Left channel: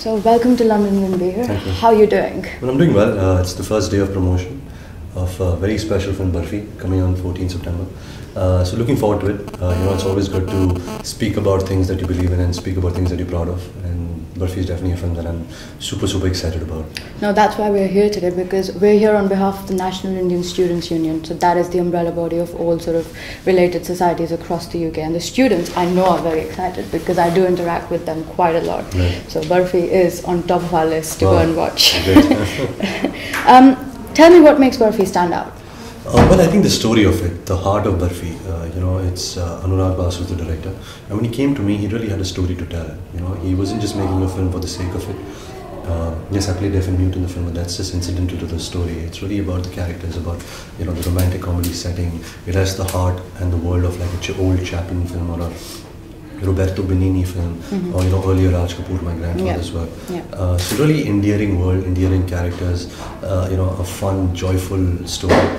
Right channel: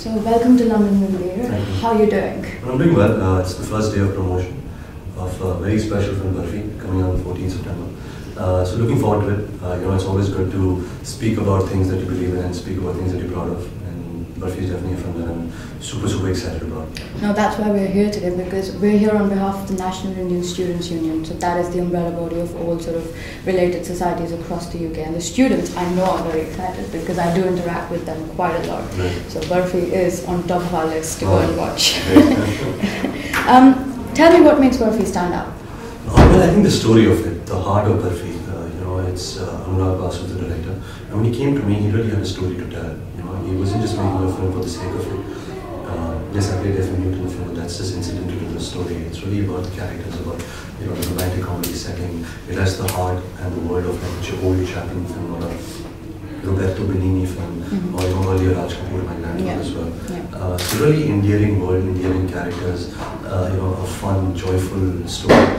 So welcome to London, Ranbir. How are you doing? Well, I'm doing well. It's the first day of promotion of a very special film, Barfi, coming on 14th September. So looking forward to it. It's always good to speak about things that you believe in and speak about things that you're proud of. And Barfi is definitely a film that I'm super excited about. Now that's why we're here today, because we're here on behalf of the National Indian Students' Union. So that is the umbrella body of all sort of related societies across the UK. And the students, I know, are very excited because I do interact with them quite a lot. Right. So Barfi is on top of our list to go and watch. Tell me what makes Barfi stand out. Well, I think the story of it, the heart of Barfi, it's Anurag Basu, the director. And when he came to me, he really had a story to tell. He wasn't just making a film for the sake of it. Yes, I played F.M. Newton in the film, but that's just incidental to the story. It's really about the characters, about the romantic comedy setting. It has the heart and the world of like an old Chaplin film or a Roberto Benigni film, or earlier Raj Kapoor, my grandfather as well. Yeah. It's a really endearing world, endearing characters, a fun, joyful story.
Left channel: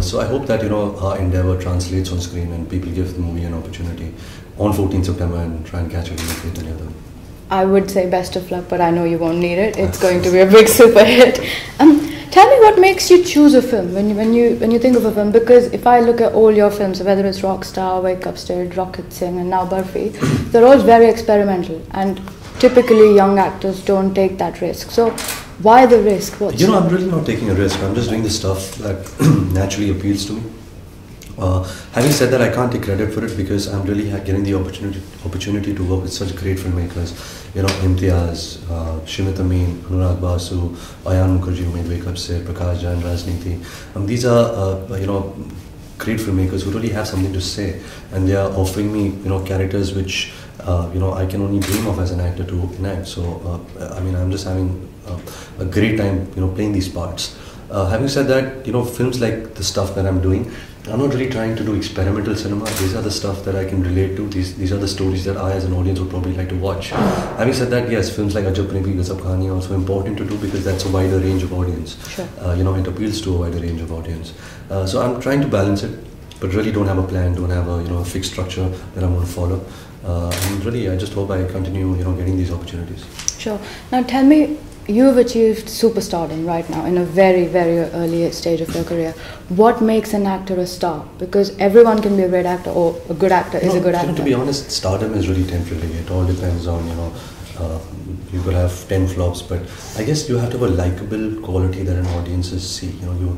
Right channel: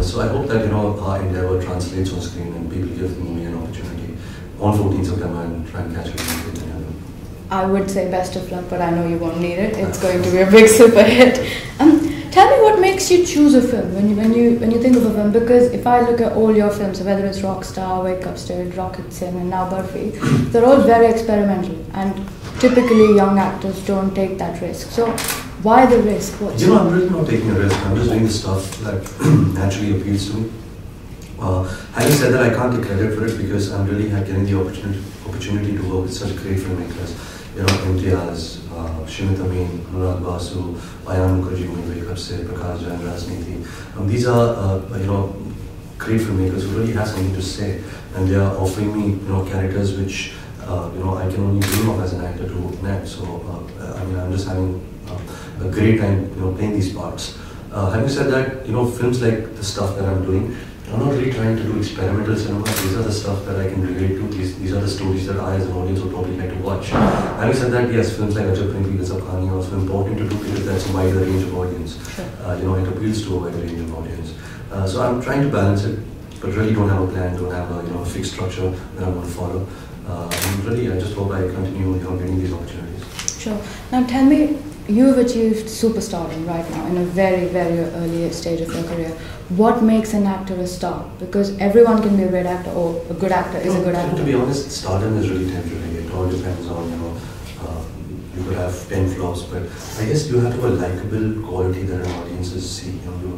So I hope that our endeavor translates on screen and people give the movie an opportunity on 14th September and try and catch it with the other. I would say best of luck, but I know you won't need it. It's going to be a big super hit. Tell me what makes you choose a film when you think of a film, because if I look at all your films, whether it's Rockstar, Wake Up State, Rocket Singh and now Barfi, they're all very experimental and typically young actors don't take that risk. So why the risk? I'm really not taking a risk. I'm just doing the stuff that naturally appeals to me. Having said that, I can't take credit for it because I'm really getting the opportunity to work with such great filmmakers. Imtiaz, Shimit Amin, Anurag Basu, Ayan Mukherjee, who made Wake Up State, Prakash Jain, Rajniti. These are great filmmakers who really have something to say, and they are offering me characters which I can only dream of as an actor to enact. So I'm just having a great time playing these parts. Having said that, films like the stuff that I'm doing, I'm not really trying to do experimental cinema. These are the stuff that I can relate to. These are the stories that I as an audience would probably like to watch. Having said that, yes, films like Ajab Prem Ki Sab Kahani are also important to do because that's a wider range of audience. Sure. It appeals to a wider range of audience. So I'm trying to balance it, but really don't have a plan, don't have a fixed structure that I'm going to follow. And really, I just hope I continue getting these opportunities. Sure. Now tell me, you've achieved superstardom right now in a very early stage of your career. What makes an actor a star? Because everyone can be a great actor, or a good actor is a good actor. To be honest, stardom is really temporary. It all depends on, you could have 10 flops, but I guess you have to have a likable quality that an audience see.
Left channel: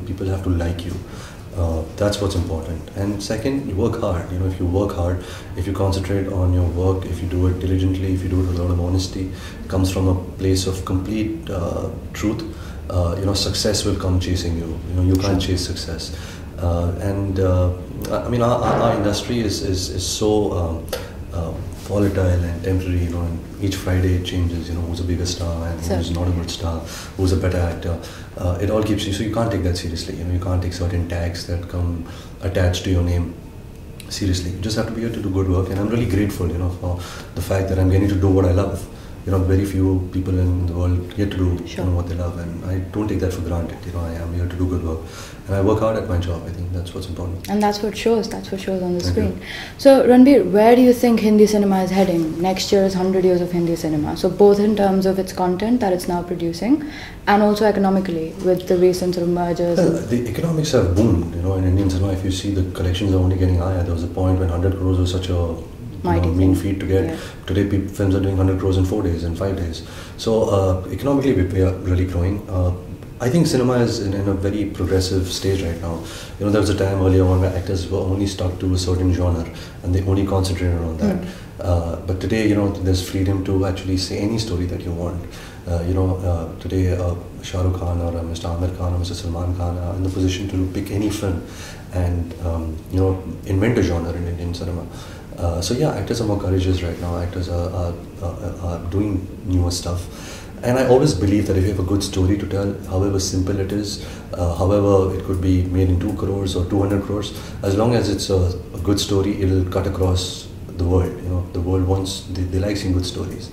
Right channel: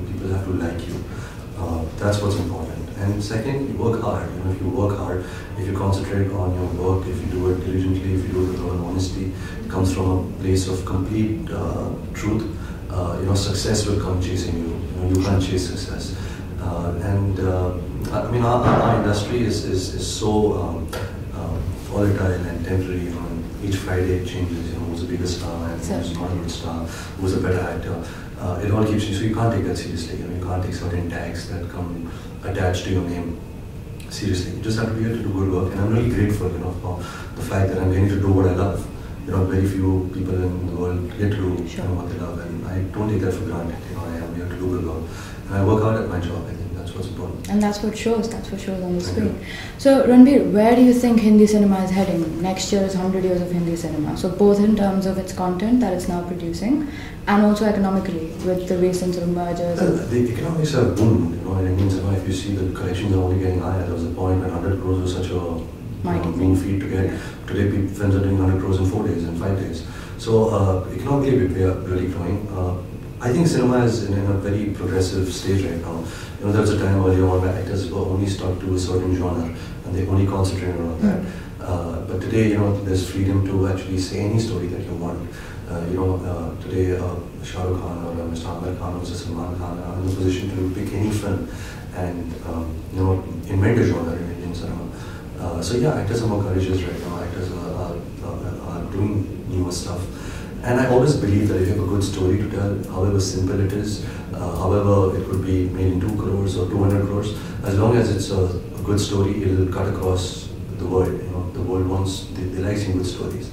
People have to like you. That's what's important. And second, you work hard. If you work hard, if you concentrate on your work, if you do it diligently, if you do it with all honesty, it comes from a place of complete truth. Success will come chasing you. You can't chase success. Our industry is so volatile and temporary. And each Friday it changes. Who's a bigger star and who's not a good star, who's a better actor. It all keeps you, so you can't take that seriously. You can't take certain tags that come attached to your name seriously. You just have to be able to do good work, and I'm really grateful, for the fact that I'm getting to do what I love. Very few people in the world get to do what they love, and I don't take that for granted. I am here to do good work, and I work hard at my job. I think that's what's important. And that's what shows. That's what shows on the screen. So Ranbir, where do you think Hindi cinema is heading? Next year is 100 years of Hindi cinema. So both in terms of its content that it's now producing, and also economically with the recent sort of mergers. The economics have boomed. In Indian cinema, if you see, the collections are only getting higher. There was a point when 100 crores was such a mean feat to get. Yeah. Today, films are doing 100 crores in 4 days, in 5 days. So economically, we are really growing. I think cinema is in a very progressive stage right now. There was a time earlier on where actors were only stuck to a certain genre and they only concentrated on that. But today, there's freedom to actually say any story that you want. Today, Shah Rukh Khan or Mr. Amir Khan or Mr. Salman Khan are in the position to pick any film and invent a genre in Indian cinema. Actors are more courageous right now. Actors are doing newer stuff. And I always believe that if you have a good story to tell, however simple it is, however it could be made in 2 crores or 200 crores, as long as it's a good story, it'll cut across the world. The world they like seeing good stories.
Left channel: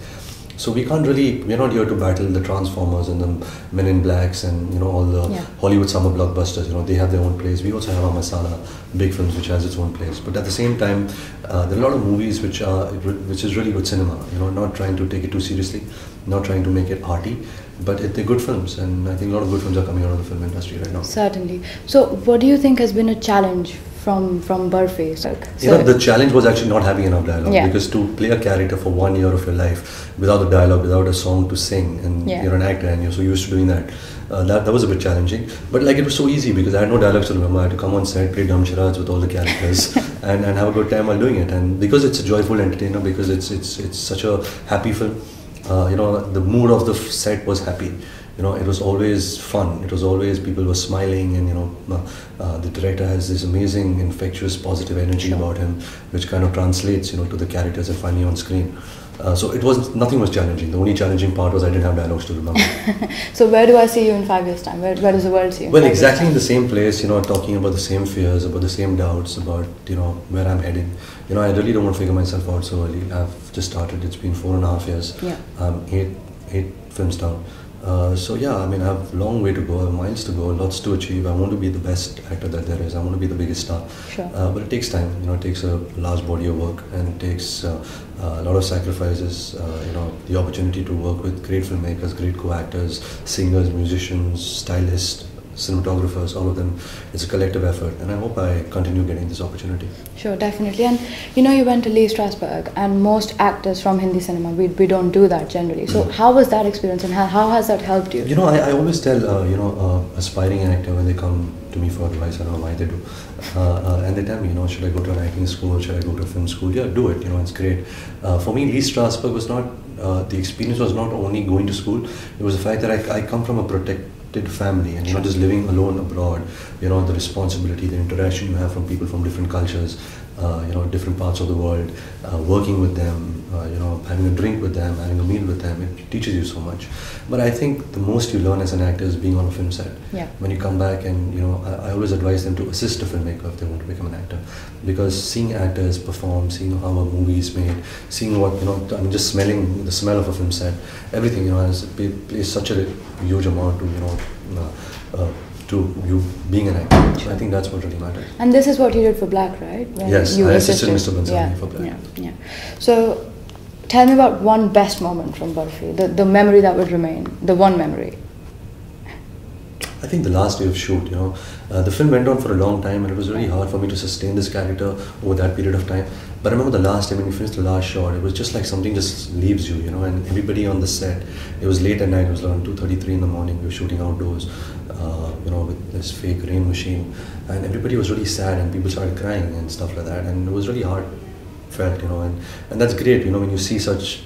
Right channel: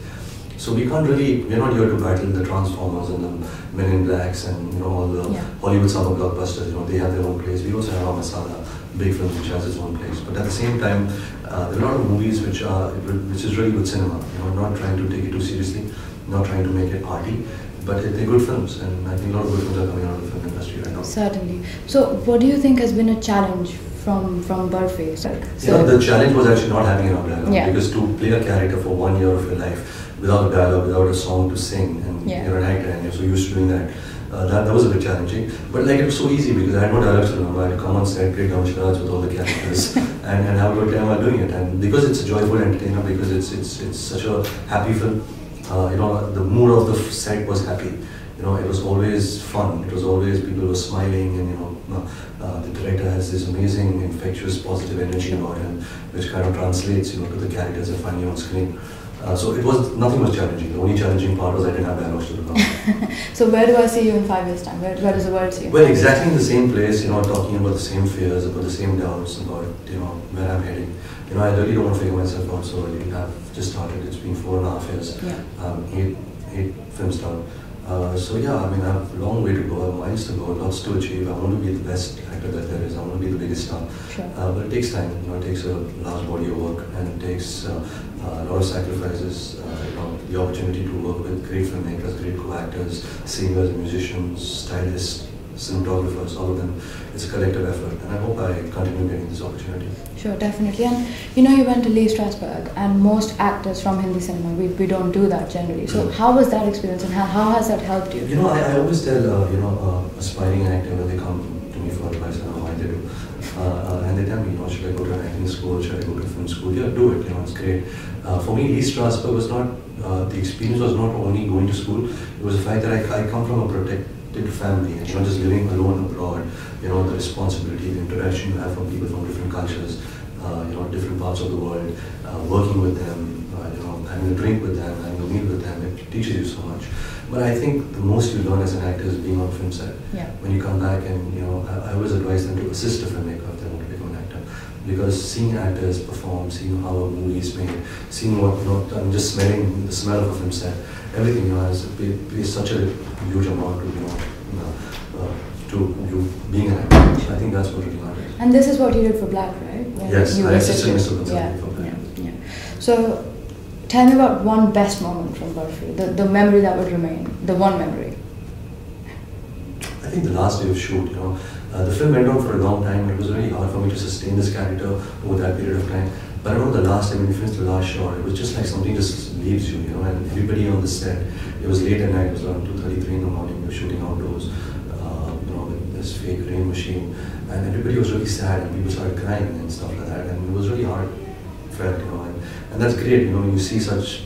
So we're not here to battle the Transformers and the Men in Blacks and all the Hollywood summer blockbusters. They have their own place. We also have our masala, big films which has its own place. But at the same time, there are a lot of movies which is really good cinema. Not trying to take it too seriously, not trying to make it arty, but they're good films, and I think a lot of good films are coming out of the film industry right now. Certainly. So, what do you think has been a challenge from Barfi? So, the challenge was actually not having enough dialogue. Yeah. Because to play a character for 1 year of your life without a dialogue, without a song to sing, and you're an actor and you're so used to doing that, that was a bit challenging. But like, it was so easy because I had no dialogues to remember. I had to come on set, play down charades with all the characters, and have a good time while doing it. And because it's a joyful entertainer, because it's such a happy film, the mood of the set was happy. It was always fun. It was always, people were smiling, and the director has this amazing, infectious, positive energy about him, which kind of translates, to the characters and funny on screen. So nothing was challenging. The only challenging part was I didn't have dialogues to remember. So where do I see you in 5 years' time? Where does the world see you? Well, exactly in the same place, talking about the same fears, about the same doubts, about, where I'm heading. I really don't want to figure myself out so early. I've just started. It's been 4.5 years. Yeah. Eight films down. So yeah, I mean, I have a long way to go, miles to go, lots to achieve. I want to be the best actor that there is. I want to be the biggest star. Sure. But it takes time. It takes a large body of work, and it takes a lot of sacrifices. The opportunity to work with great filmmakers, great co-actors, singers, musicians, stylists, cinematographers, all of them. It's a collective effort, and I hope I continue getting this opportunity. Sure, definitely. And you went to Strasberg, and most actors from Hindi cinema, we don't do that generally. So how was that experience, and how has that helped you? I always tell aspiring actor when they come to me for advice, I don't know why they do, and they tell me, should I go to an acting school, should I go to film school? Yeah, do it. It's great. For me, Strasberg was not the experience was not only going to school. It was the fact that I come from a protected family, and not just living alone abroad. The responsibility, the interaction you have from people from different cultures, different parts of the world, working with them, having a drink with them, having a meal with them, it teaches you so much. But I think the most you learn as an actor is being on a film set. Yeah. When you come back, and I always advise them to assist a filmmaker if they want to become an actor, because seeing actors perform, seeing how a movie is made, seeing what just smelling the smell of a film set, everything is such a huge amount to you being an actor. I think that's what really matters. And this is what you did for Black, right? When yes, you I assisted Mr. Gonzalez for Black. Yeah. So, tell me about one best moment from Barfi, the memory that would remain, the one memory. I think the last day of shoot, the film went on for a long time, and it was really hard for me to sustain this character over that period of time. But I remember the last time when we finished the last shot, it was just like something just leaves you, and everybody on the set, it was late at night, it was around 2:33 in the morning, we were shooting outdoors, with this fake rain machine, and everybody was really sad, and people started crying and stuff like that, and it was really heartfelt, and that's great, when you see such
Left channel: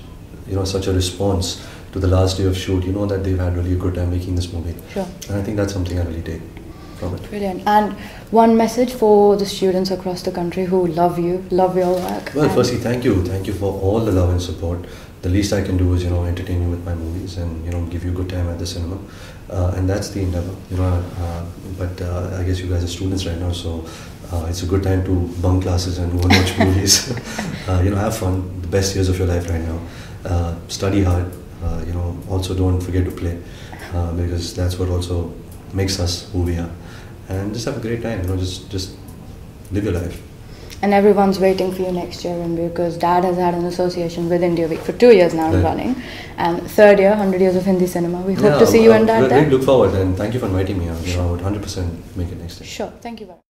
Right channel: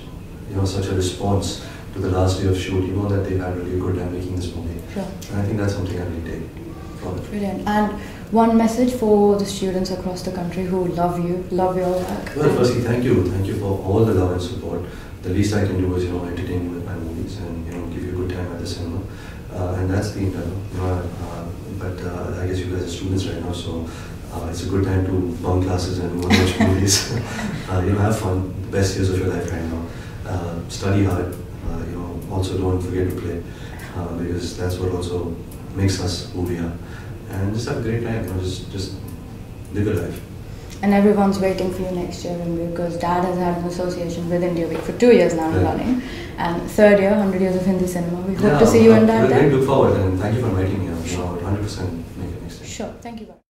a response to the last day of shoot, that they've had really a good time making this movie. Sure. And I think that's something I really take from it. Brilliant. And one message for the students across the country who love your work. Well, firstly, thank you for all the love and support. The least I can do is entertain you with my movies and give you a good time at the cinema, and that's the endeavor. But I guess you guys are students right now, so it's a good time to bunk classes and go and watch movies. Have fun. The best years of your life right now. Study hard. Also don't forget to play, because that's what also makes us who we are. And just have a great time. Just live your life. And everyone's waiting for you next year, Ranbir, because Dad has had an association with India Week for 2 years now running, and third year, 100 years of Hindi cinema. We hope to see you and Dad there. I look forward, and thank you for inviting me. I would 100% make it next year. Sure. Thank you very much.